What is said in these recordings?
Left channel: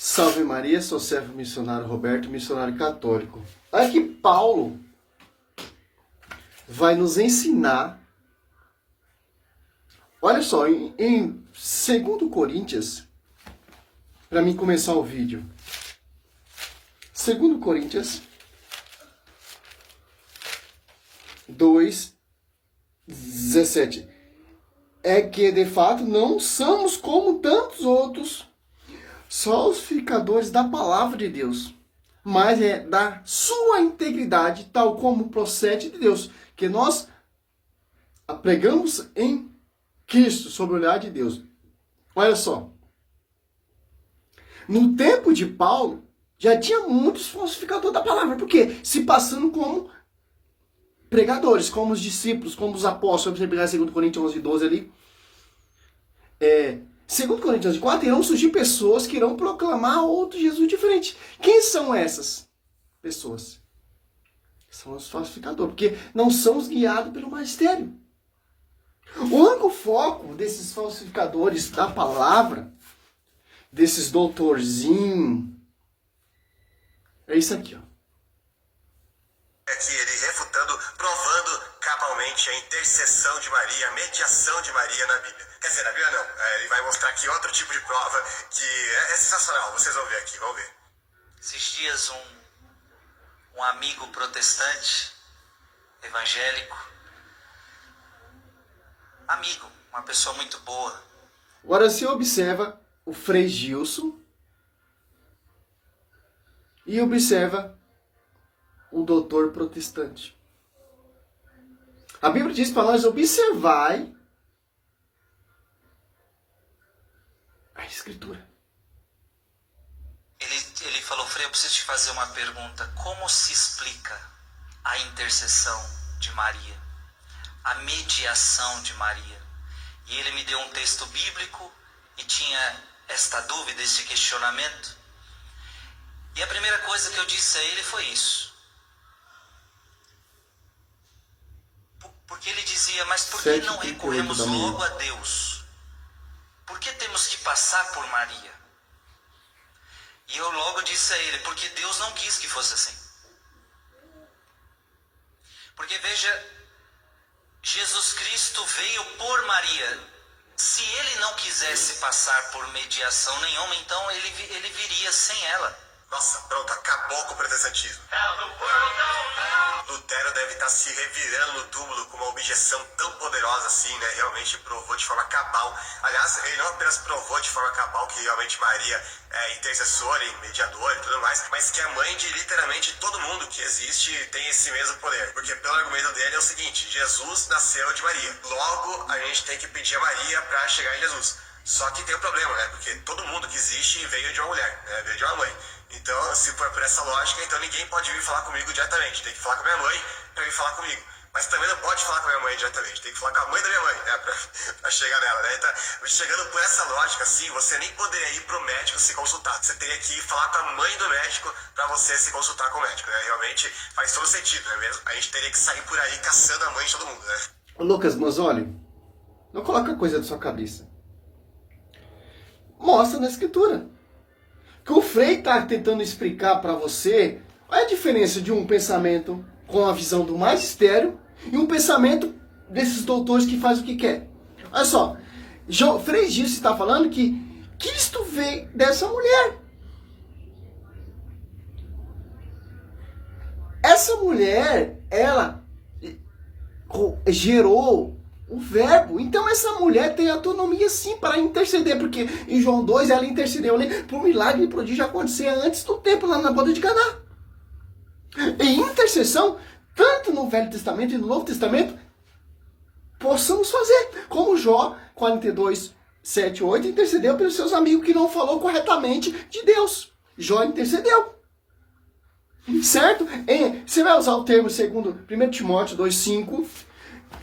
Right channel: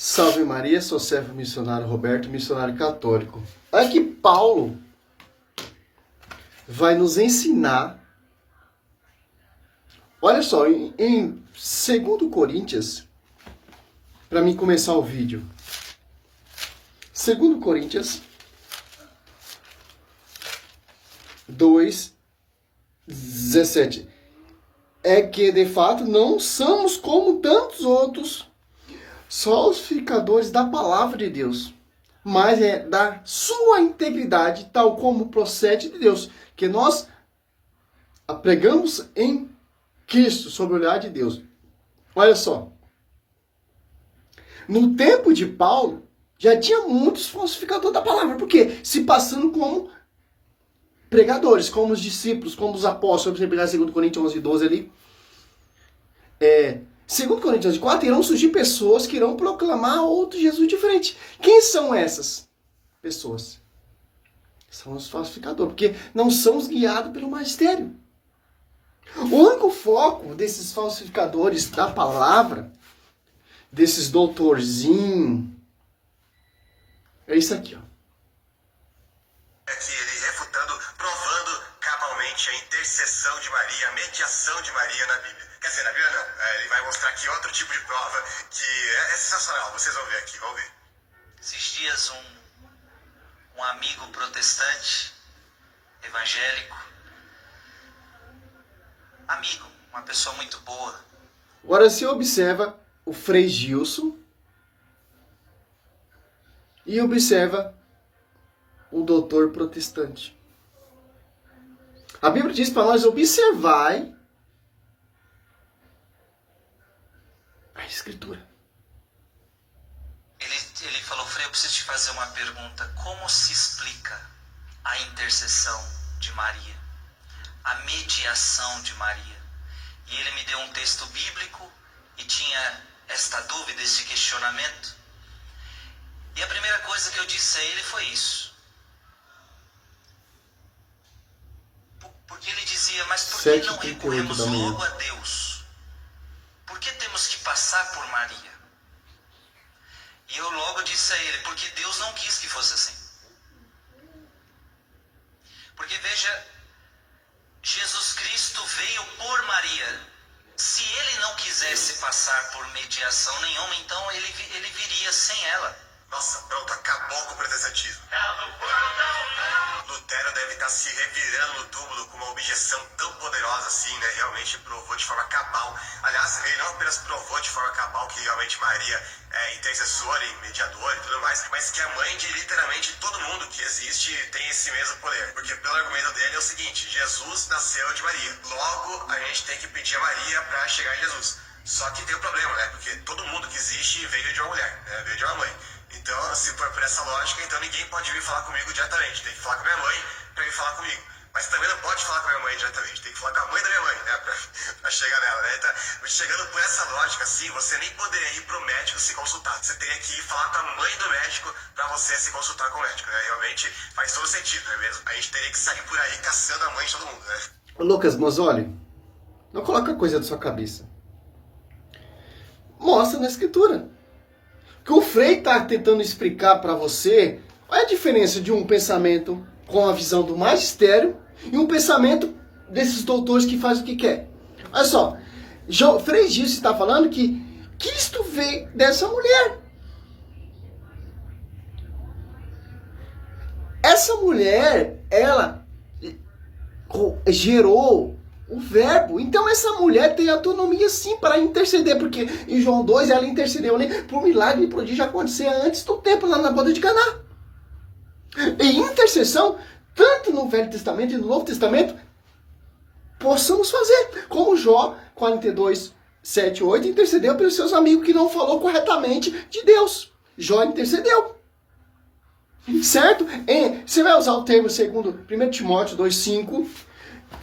Salve Maria, sou servo missionário Roberto, missionário católico. Aqui Paulo vai nos ensinar, olha só, em 2 Coríntios, para mim começar o vídeo, 2 Coríntios 2:17, é que de fato não somos como tantos outros falsificadores da palavra de Deus, mas é da sua integridade, tal como procede de Deus, que nós pregamos em Cristo, sob o olhar de Deus. Olha só, no tempo de Paulo, já tinha muitos falsificadores da palavra, porque se passando como pregadores, como os discípulos, como os apóstolos. Você pegar 2 Coríntios 11:12 ali, 2 Coríntios 4, irão surgir pessoas que irão proclamar outro Jesus diferente. Quem são essas pessoas? São os falsificadores, porque não são os guiados pelo magistério. O único foco desses falsificadores da palavra, desses doutorzinhos, é isso aqui, ó. Aqui ele refutando, provando cabalmente a intercessão de Maria, a mediação de Maria na Bíblia. Quer dizer, na Bíblia não. Ele vai mostrar aqui outro tipo de prova que é sensacional. Vocês vão ver aqui, vão ver. Esses dias um amigo protestante, evangélico, amigo, uma pessoa muito boa. Agora você observa o Frei Gilson e observa o doutor protestante. A Bíblia diz para nós: observai a Escritura. Ele falou: Frei, eu preciso te fazer uma pergunta. Como se explica a intercessão de Maria? A mediação de Maria? E ele me deu um texto bíblico e tinha esta dúvida, esse questionamento. E a primeira coisa que eu disse a ele foi isso. Porque ele dizia: mas por que não 7h38 recorremos da manhã. logo a Deus? Por que temos que passar por Maria? E eu logo disse a ele: porque Deus não quis que fosse assim. Porque veja, Jesus Cristo veio por Maria. Se ele não quisesse passar por mediação nenhuma, então ele viria sem ela. Nossa, pronto, acabou com o protestantismo. Lutero deve estar se revirando no túmulo com uma objeção tão poderosa assim, né? Realmente provou de forma cabal. Aliás, ele não apenas provou de forma cabal que realmente Maria é intercessora e mediadora e tudo mais, mas que a mãe de literalmente todo mundo que existe tem esse mesmo poder. Porque pelo argumento dele é o seguinte: Jesus nasceu de Maria. Logo, a gente tem que pedir a Maria para chegar em Jesus. Só que tem um problema, né? Porque todo mundo que existe veio de uma mulher, né? Veio de uma mãe. Então, se for por essa lógica, então ninguém pode vir falar comigo diretamente. Tem que falar com a minha mãe para vir falar comigo. Mas também não pode falar com a minha mãe diretamente. Tem que falar com a mãe da minha mãe, né? Pra chegar nela, né? Então, chegando por essa lógica, assim, você nem poderia ir pro médico se consultar. Você teria que ir falar com a mãe do médico para você se consultar com o médico, né? Realmente faz todo sentido, não é mesmo? A gente teria que sair por aí caçando a mãe de todo mundo, né? Ô, Lucas, mas olha, não coloca coisa da sua cabeça. Mostra na Escritura. Que o Frei está tentando explicar para você qual é a diferença de um pensamento com a visão do magistério e um pensamento desses doutores que faz o que quer. Olha só, Frei Gilson está falando que Cristo veio dessa mulher. Essa mulher, ela gerou o verbo. Então essa mulher tem autonomia sim para interceder, porque em João 2 ela intercedeu, né, por um milagre e prodígio acontecer antes do tempo, lá na boda de Caná. E intercessão, tanto no Velho Testamento e no Novo Testamento, possamos fazer. Como Jó 42, 7, 8 intercedeu pelos seus amigos que não falou corretamente de Deus. Jó intercedeu. Certo? Você vai usar o termo segundo 1 Timóteo 2,5.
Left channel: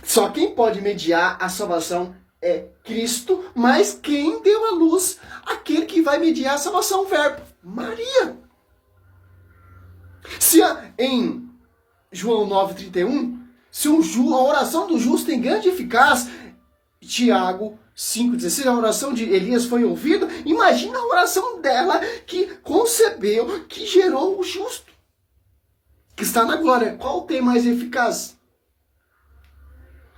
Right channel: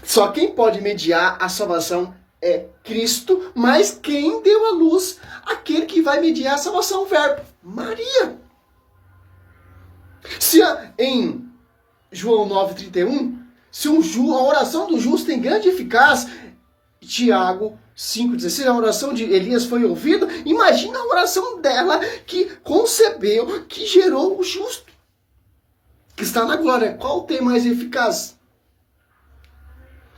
Só quem pode mediar a salvação é Cristo, mas quem deu à luz aquele que vai mediar a salvação, o verbo, Maria. Se em João 9,31, se a oração do justo tem grande eficácia, Tiago 5,16, a oração de Elias foi ouvida. Imagina a oração dela que concebeu, que gerou o justo, que está na glória. Qual tem mais eficaz?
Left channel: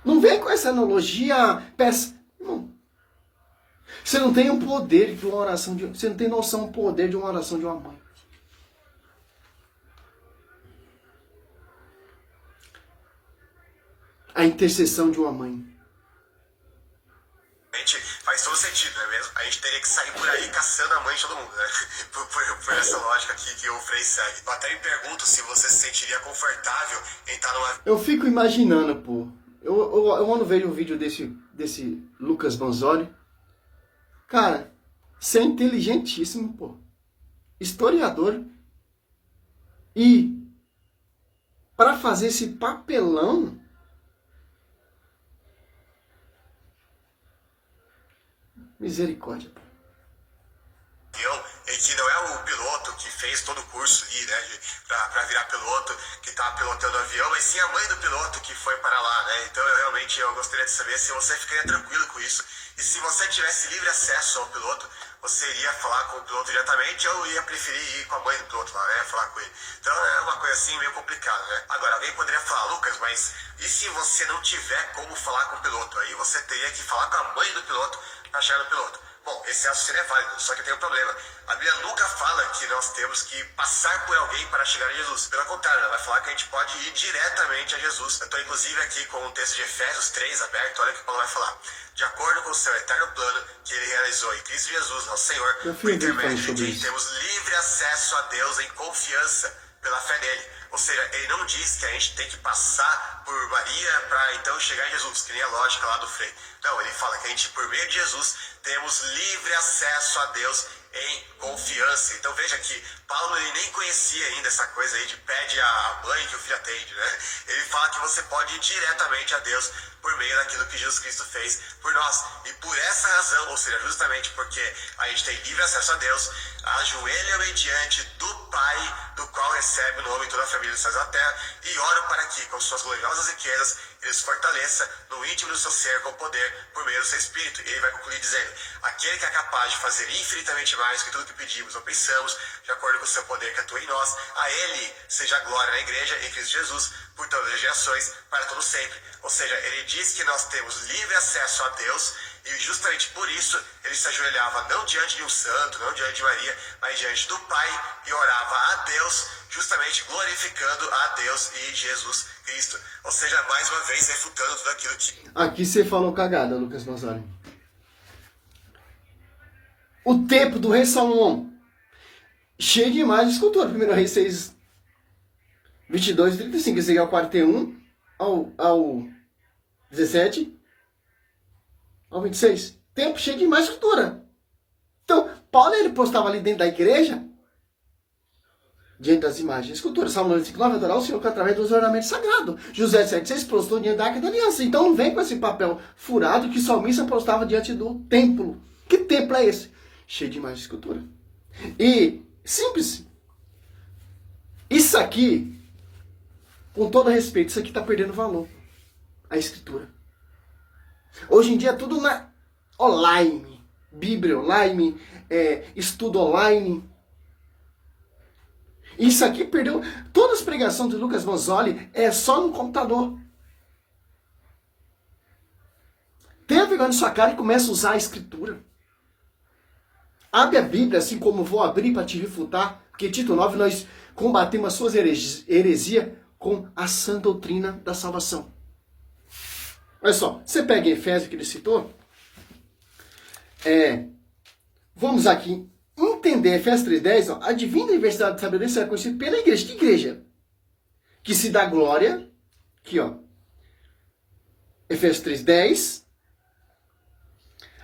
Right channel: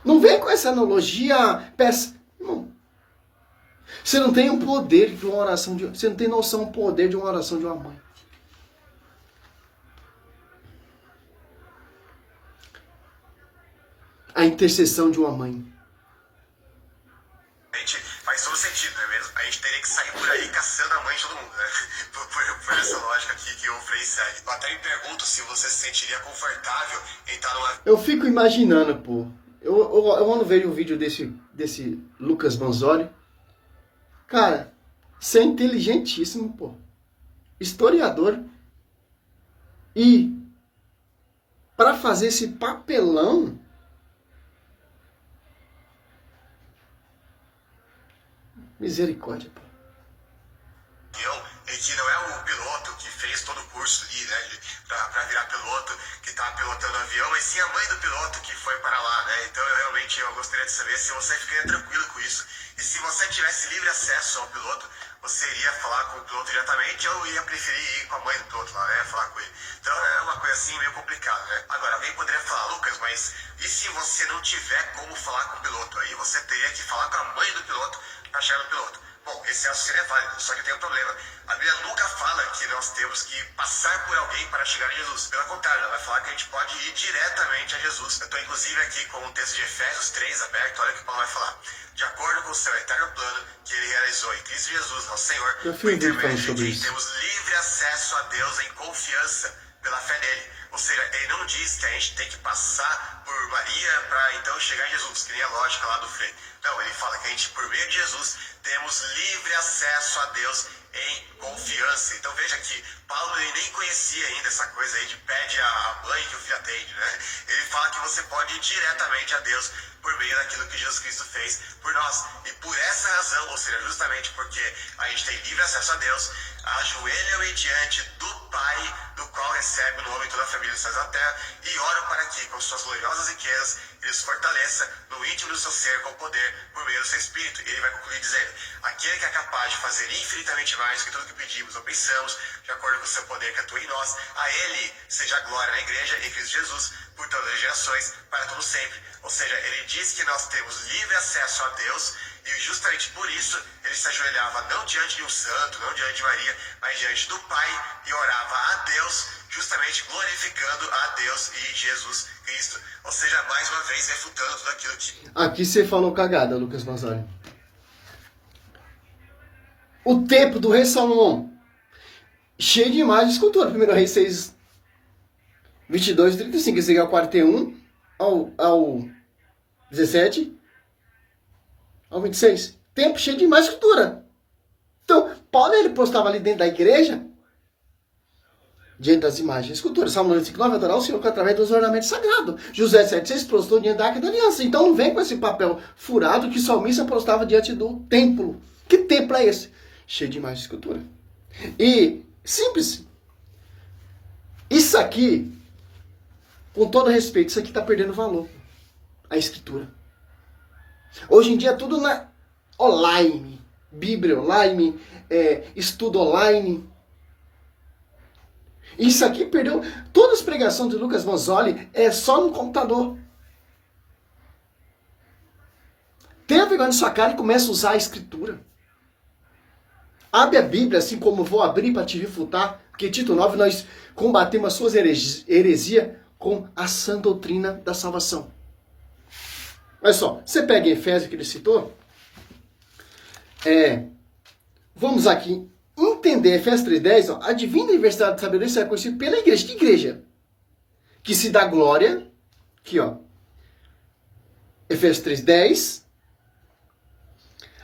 Não vem com essa analogia, não. Você não tem o poder de uma oração, você não tem noção do poder de uma oração de uma mãe. A intercessão de uma mãe. Faz todo sentido, não é mesmo? A gente teria que sair por aí caçando a mãe de todo mundo, né? Por essa lógica aqui que o Frei segue. Eu até me pergunto se você se sentiria confortável em estar numa... Eu fico imaginando, pô. Eu ando vendo um vídeo desse Lucas Manzoli. Cara, você é inteligentíssimo, pô. Historiador. E para fazer esse papelão, misericórdia, pô. E que não é o piloto que fez todo o curso ali, né, pra virar piloto, que tava pilotando o avião, mas sim a mãe do piloto que foi para lá, né? Então eu gostaria de saber se você ficaria tranquilo com isso. E se você tivesse livre acesso ao piloto, você iria falar com o piloto diretamente ou ia preferir ir com a mãe do piloto lá, né? Falar com ele. Então é uma coisa assim meio complicada, né? Agora, alguém poderia falar, Lucas, mas e se você não tiver como falar com o piloto? Aí você teria que falar com a mãe do piloto para chegar no piloto. Bom, esse raciocínio é válido, só que tem um problema. A Bíblia nunca fala que nós temos que passar por alguém para chegar a Jesus. Pelo contrário, ela vai falar que a gente pode ir diretamente a Jesus. Eu estou inclusive aqui com o texto de Efésios 3 aberto, olha o que Paulo vai falar. De acordo com o seu eterno plano que ele realizou em Cristo Jesus, nosso Senhor, por intermédio de quem temos livre acesso a Deus em confiança pela fé nele. Ou seja, ele não diz que a gente tem que passar por Maria para então chegar em Jesus, que nem a lógica lá do Frei. Não, ele fala que a gente, por meio de Jesus, temos livre acesso a Deus em confiança. Então veja que Paulo ele nem conhecia ainda essa coisa aí de pede a mãe que o filho atende, né? Ele fala que você pode ir diretamente a Deus por meio daquilo que Jesus Cristo fez por nós. E por essa razão, ou seja, justamente porque a gente tem livre acesso a Deus, ajoelham-me diante do Pai, do qual recebe o nome de toda a família dos céus e da terra, e oram para que, com suas gloriosas riquezas, ele os fortaleça no íntimo do seu ser com poder por meio do seu Espírito. E ele vai concluir dizendo, aquele que é capaz de fazer infinitamente mais que tudo que pedimos ou pensamos, de acordo com o seu poder que atua em nós, a ele seja a glória na igreja, em Cristo Jesus, por todas as gerações, para todo sempre. Ou seja, ele diz que nós temos livre acesso a Deus, e justamente por isso ele se ajoelhava não diante de um santo, não diante de Maria, mas diante do Pai e orava a Deus, justamente glorificando a Deus e Jesus Cristo. Ou seja, mais uma vez refutando tudo aquilo que... Aqui você falou cagada, Lucas Manzoli. O templo do rei Salomão, cheio de imagens de escultura. 1 Reis 6, 22 e 35. Esse aqui é o 41 ao 17 ao 26. Templo cheio de imagens de escultura. Então, Paulo ele postava ali dentro da igreja, diante das imagens de escultura. Salmo 95:9, adorar o Senhor através dos ornamentos sagrados. José 7:6 prostou diante da Arca da Aliança. Então não vem com esse papel furado que o salmista prostava diante do templo. Que templo é esse? Cheio de imagens de escultura. E, simples, isso aqui, com todo respeito, isso aqui está perdendo valor. A escritura. Hoje em dia é tudo na online. Bíblia online, estudo online. Isso aqui perdeu. Todas as pregações de Lucas Manzoli é só no computador. Tenha vergonha na sua cara e comece a usar a escritura. Abre a Bíblia, assim como eu vou abrir para te refutar. Porque Tito 9, nós combatemos as suas heresias com a sã doutrina da salvação. Olha só, você pega em Efésios que ele citou. Vamos aqui entender Efésios 3:10, a divina universidade da sabedoria será conhecida pela igreja. Que igreja? Que se dá glória. Aqui, ó. Efésios 3:10.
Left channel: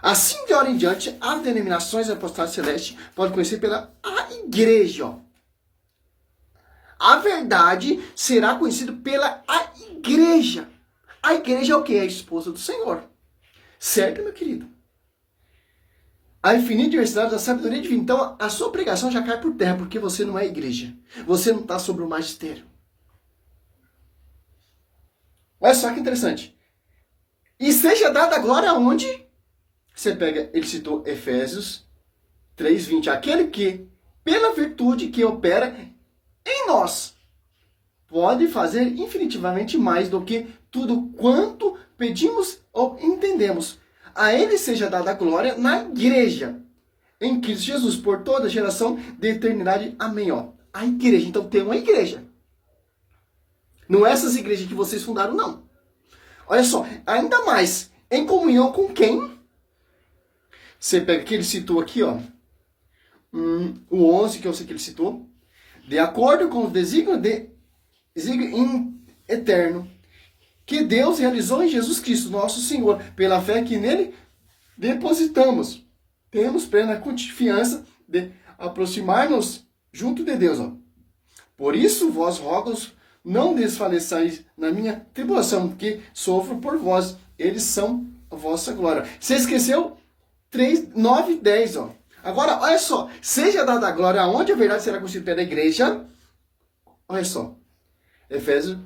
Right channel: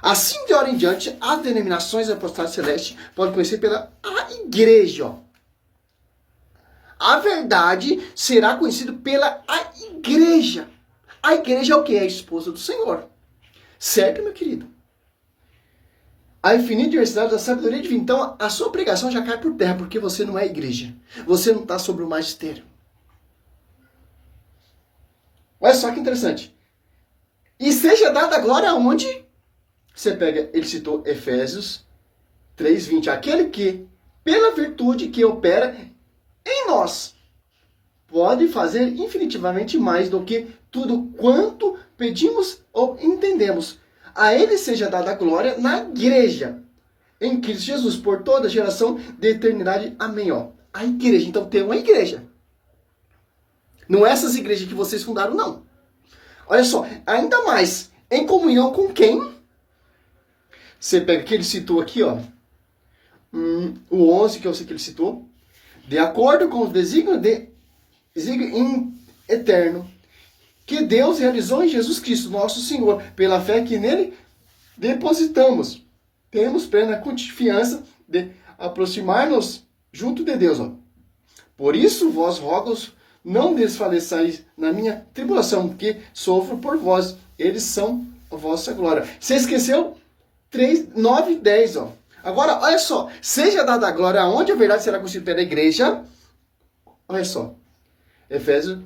Assim de hora em diante, as denominações apostólicas celestes podem conhecer pela a igreja. Ó. A verdade será conhecida pela a igreja. A igreja é o que? É a esposa do Senhor. Certo, meu querido? A infinita diversidade da sabedoria divina. Então, a sua pregação já cai por terra, porque você não é igreja. Você não está sobre o magistério. Olha só que interessante. E seja dada a glória aonde? Você pega, ele citou Efésios 3:20. Aquele que, pela virtude que opera em nós, pode fazer infinitivamente mais do que tudo quanto pedimos ou entendemos. A ele seja dada a glória na igreja, em Cristo Jesus, por toda geração de eternidade. Amém. Ó, a igreja. Então tem uma igreja. Não é essas igrejas que vocês fundaram, não. Olha só, ainda mais, em comunhão com quem? Você pega que ele citou aqui, ó. O 11, que eu sei que ele citou. De acordo com os desígnios eterno que Deus realizou em Jesus Cristo, nosso Senhor, pela fé que nele depositamos. Temos plena confiança de aproximar-nos junto de Deus. Ó. Por isso, vós rogos, não desfaleçais na minha tribulação, que sofro por vós. Eles são a vossa glória. Você esqueceu? 3, 9 e 10. Ó. Agora, olha só. Seja dada a glória aonde a verdade será conhecida pela igreja. Olha só. Efésios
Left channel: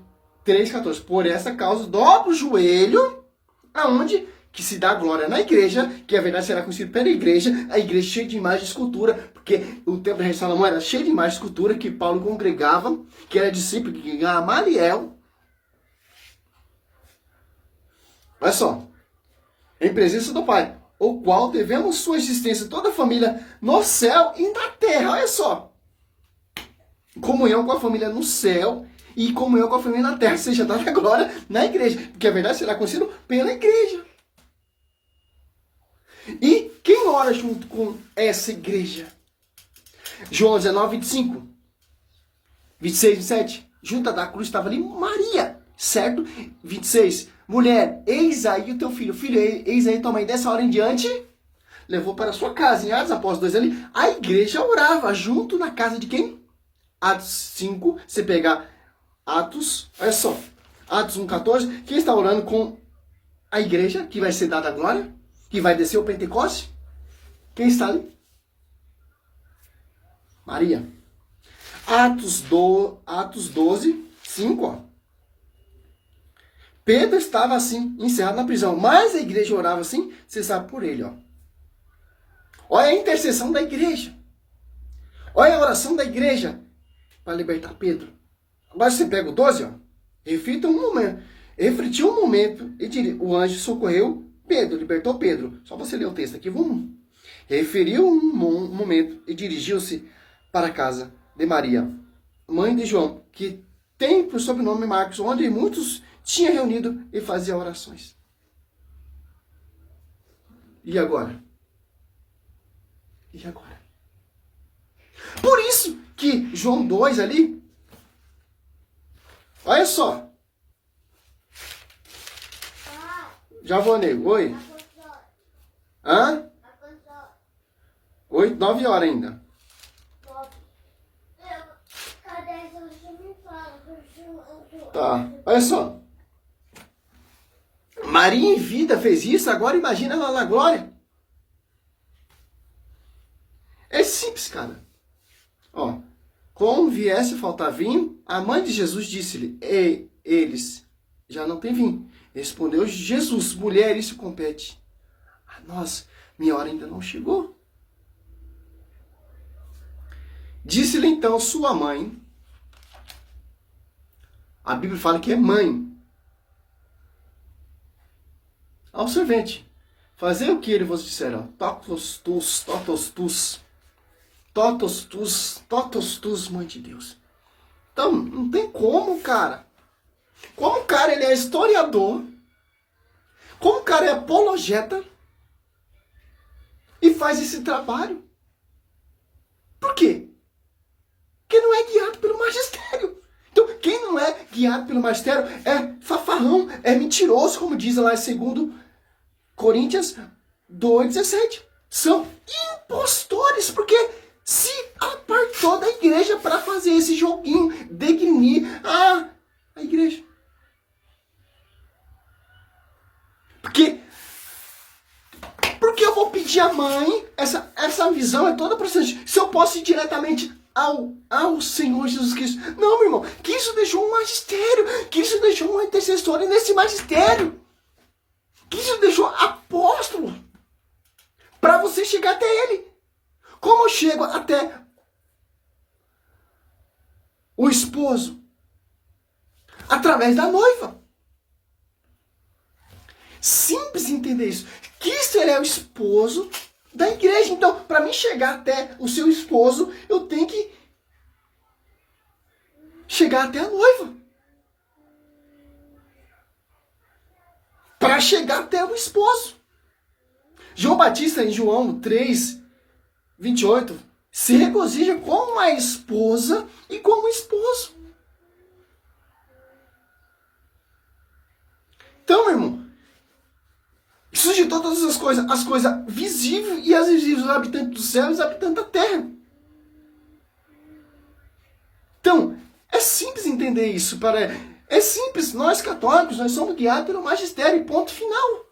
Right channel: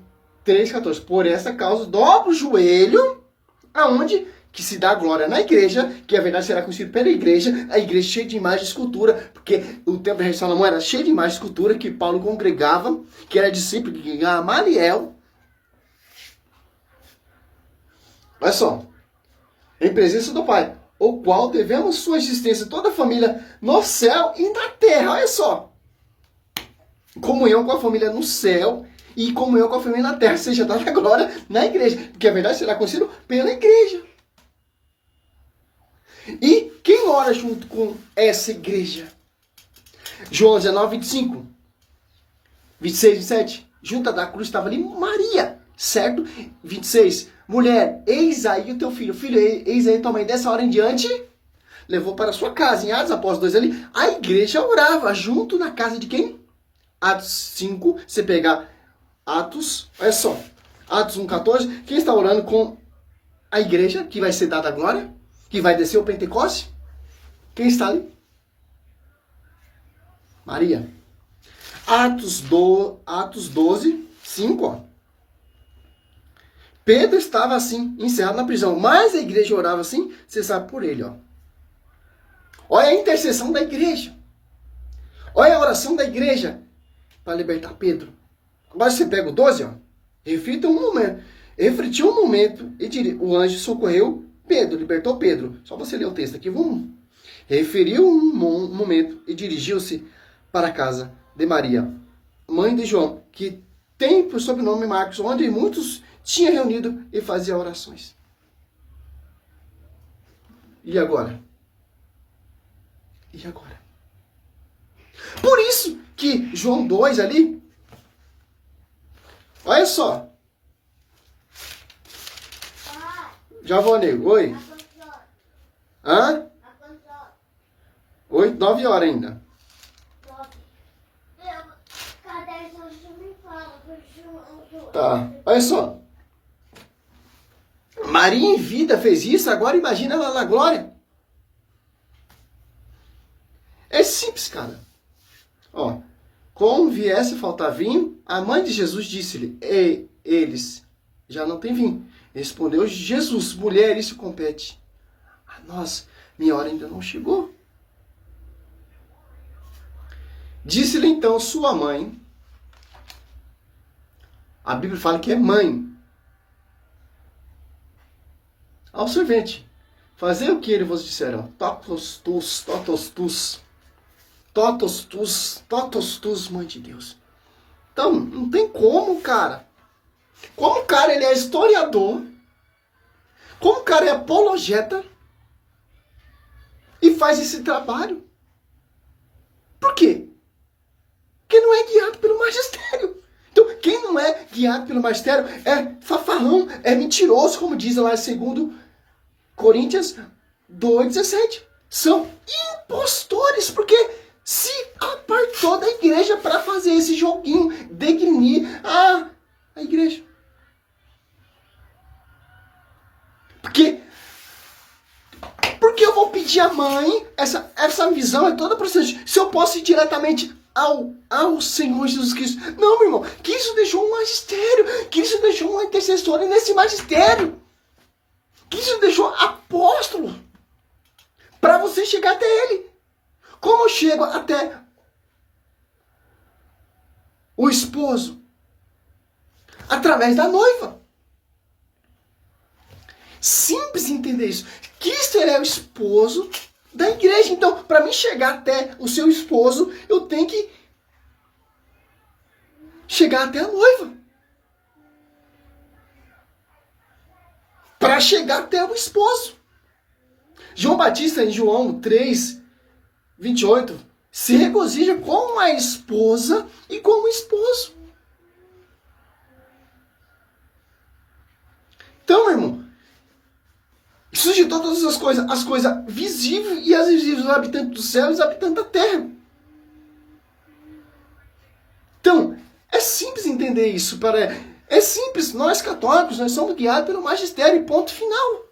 3:14. Por essa causa, dobra o joelho, aonde que se dá glória na igreja, que a verdade será conhecida pela igreja, a igreja cheia de imagem de escultura, porque o templo de Salomão era cheio de imagem de escultura, que Paulo congregava, que era discípulo de Gamaliel. Olha só. Em presença do Pai, o qual devemos sua existência, toda a família no céu e na terra. Olha só. Comunhão com a família no céu e comunhão com a família na terra, seja dada glória na igreja, porque a verdade será conhecida pela igreja. E quem ora junto com essa igreja? João 19:25, 26, 27. Junto da cruz estava ali Maria, certo? 26. Mulher, eis aí o teu filho. Filho, eis aí tua mãe. Dessa hora em diante, levou para sua casa. Em Atos Apóstolos 2 ali, a igreja orava junto na casa de quem? Atos 5, você pegar Atos, olha só, Atos 1:14, quem está orando com a igreja, que vai ser dada a glória, que vai descer o Pentecoste? Quem está ali? Maria. Atos 12, 5, ó. Pedro estava assim, encerrado na prisão, mas a igreja orava assim, você sabe por ele, ó. Olha a intercessão da igreja. Olha a oração da igreja para libertar Pedro. Agora você pega o 12, ó. Refletiu um momento e o anjo socorreu Pedro, libertou Pedro. Só você ler o texto aqui, vamos. Referiu um momento e dirigiu-se para a casa de Maria, mãe de João, que tem por sobrenome Marcos, onde muitos tinham reunido e faziam orações. E agora? E agora? Por isso que João 2 ali, olha só. Já vou, nego. Oi. Hã? 8, 9 horas ainda. Tá, olha só. Maria em vida fez isso, agora imagina ela na glória. É simples, cara. Ó, como viesse a faltar vinho, a mãe de Jesus disse-lhe, eles já não têm vinho. Respondeu Jesus, mulher, isso compete a nós, minha hora ainda não chegou. Disse-lhe então sua mãe, a Bíblia fala que é mãe, ao servente, fazer o que ele vos disser, totos tus, mãe de Deus. Então, não tem como, cara. Como o cara ele é historiador, como o cara é apologeta e faz esse trabalho. Por quê? Porque não é guiado pelo magistério. Então, quem não é guiado pelo magistério é fafarrão, é mentiroso, como diz lá em 2 Coríntios 2:17. São impostores, porque se apartou da igreja para fazer esse joguinho, degrinir a igreja. Porque eu vou pedir à mãe, essa visão é toda procedente. Se eu posso ir diretamente ao Senhor Jesus Cristo. Não, meu irmão, Cristo deixou um magistério, Cristo deixou uma intercessora nesse magistério. Cristo deixou apóstolo para você chegar até ele. Como eu chego até o esposo? Através da noiva. Simples entender isso. Cristo, ele é o esposo da igreja. Então, para mim chegar até o seu esposo, eu tenho que chegar até a noiva. Para chegar até o esposo. João Batista, em João 3, 28, se regozija com a esposa e com o esposo. Então, meu irmão, suscitou todas as coisas visíveis e as invisíveis, os habitantes do céu e os habitantes da terra. Então, é simples entender isso. É simples, nós católicos, nós somos guiados pelo magistério, ponto final.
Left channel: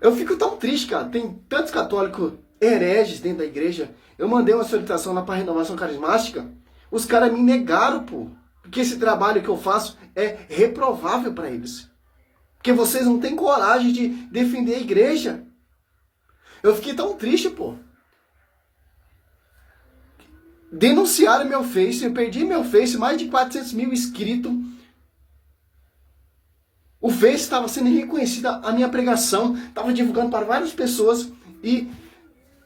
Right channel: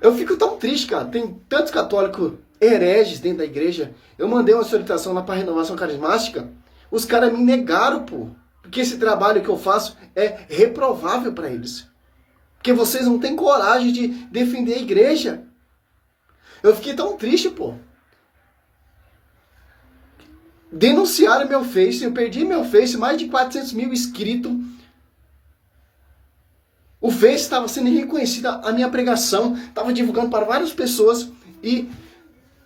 Eu fico tão triste, cara, tem tantos católicos hereges dentro da igreja. Eu mandei uma solicitação lá para a renovação carismática, os caras me negaram, pô. Porque esse trabalho que eu faço é reprovável para eles. Porque vocês não têm coragem de defender a igreja. Eu fiquei tão triste, pô. Denunciaram meu Face, eu perdi meu Face, mais de 400 mil inscritos. O Face estava sendo reconhecida, a minha pregação, estava divulgando para várias pessoas. E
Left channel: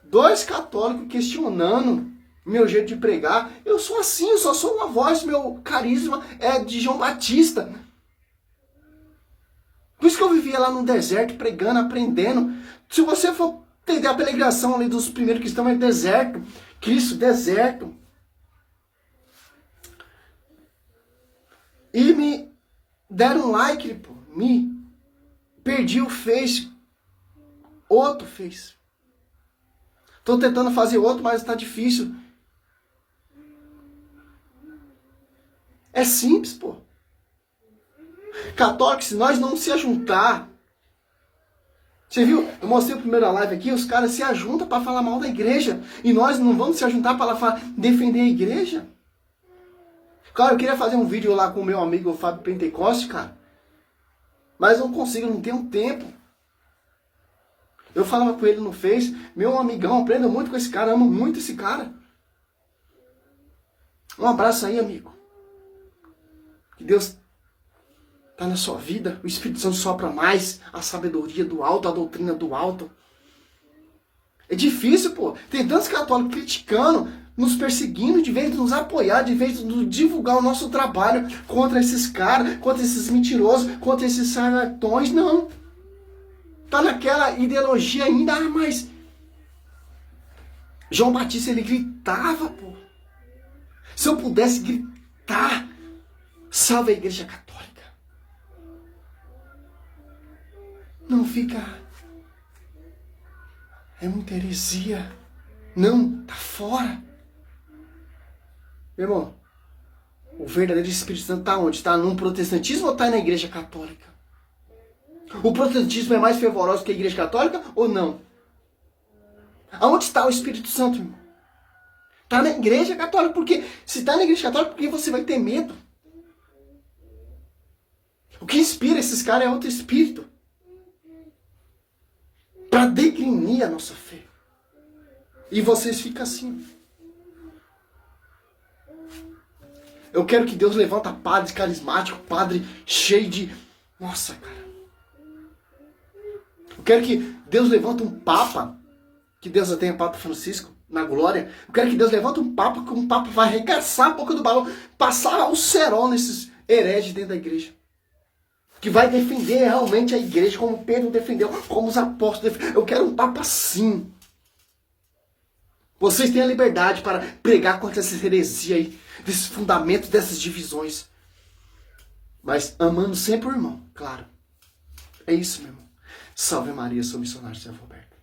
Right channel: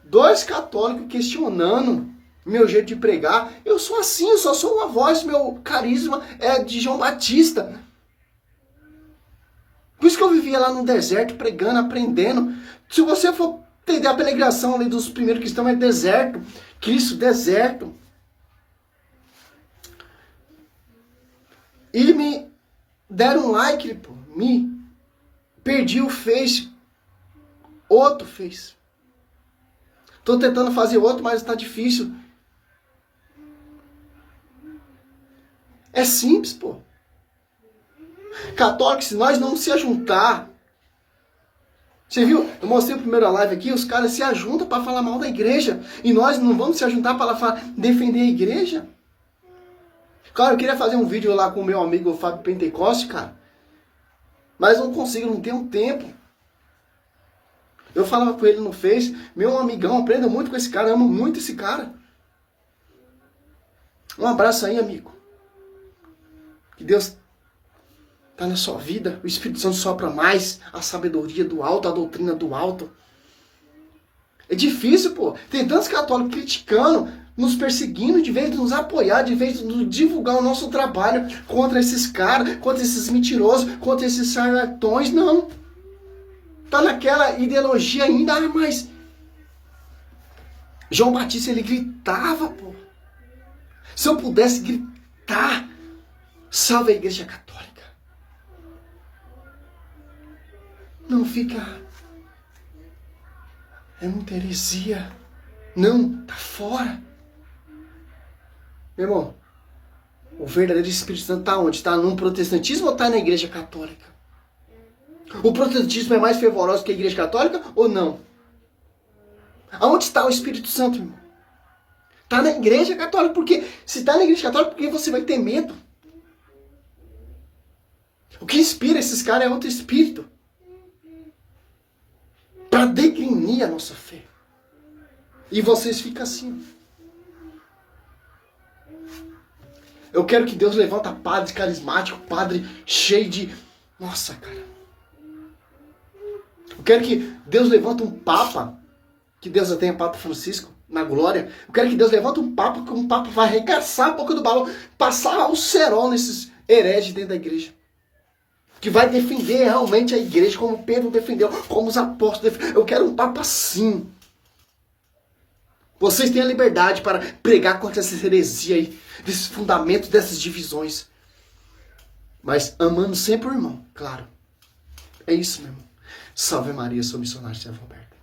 2 católicos questionando meu jeito de pregar. Eu sou assim, eu só sou uma voz, meu carisma é de João Batista. Por isso que eu vivia lá no deserto, pregando, aprendendo. Se você for entender a peregrinação ali dos primeiros cristãos, é deserto. Cristo, deserto. E me deram um like, pô. Me perdi o Face. Outro Face. Tô tentando fazer outro, mas tá difícil. É simples, pô. Católicos, se nós não se ajuntar... Você viu? Eu mostrei a primeira live aqui, os caras se ajuntam para falar mal da igreja. E nós não vamos se ajuntar para defender a igreja? Claro, eu queria fazer um vídeo lá com o meu amigo Fábio Pentecoste, cara. Mas não consigo, não tenho tempo. Eu falava com ele no Face, meu amigão, aprendo muito com esse cara, amo muito esse cara. Um abraço aí, amigo. Que Deus está na sua vida, o Espírito Santo sopra mais, a sabedoria do alto, a doutrina do alto. É difícil, pô. Tem tantos católicos criticando, nos perseguindo, de vez de nos apoiar, de vez de divulgar o nosso trabalho contra esses caras, contra esses mentirosos, contra esses charlatões. Não. Tá naquela ideologia ainda, mas João Batista, ele gritava, pô. Se eu pudesse gritar, salve a Igreja Católica. Não fica... É muita heresia. Não, tá fora. Meu irmão, o verdadeiro Espírito Santo tá onde? Tá no protestantismo ou tá na Igreja Católica? O protestantismo é mais fervoroso que a Igreja Católica ou não? Aonde está o Espírito Santo, irmão? Tá na Igreja Católica. Porque se tá na Igreja Católica, por que você vai ter medo? O que inspira esses caras é outro espírito. Para degrinir a nossa fé. E vocês ficam assim. Eu quero que Deus levanta padre carismático, padre cheio de... Nossa, cara. Eu quero que Deus levanta um papa, que Deus já tenha Papa Francisco, na glória. Eu quero que Deus levanta um papa, que um papa vai arregaçar a boca do balão, passar o cerol nesses hereges dentro da igreja. Que vai defender realmente a igreja, como Pedro defendeu, como os apóstolos defenderam. Eu quero um papa assim. Vocês têm a liberdade para pregar contra essa heresia aí, desses fundamentos, dessas divisões. Mas amando sempre o irmão, claro. É isso, meu irmão. Salve Maria, sou missionário de Servo Roberto.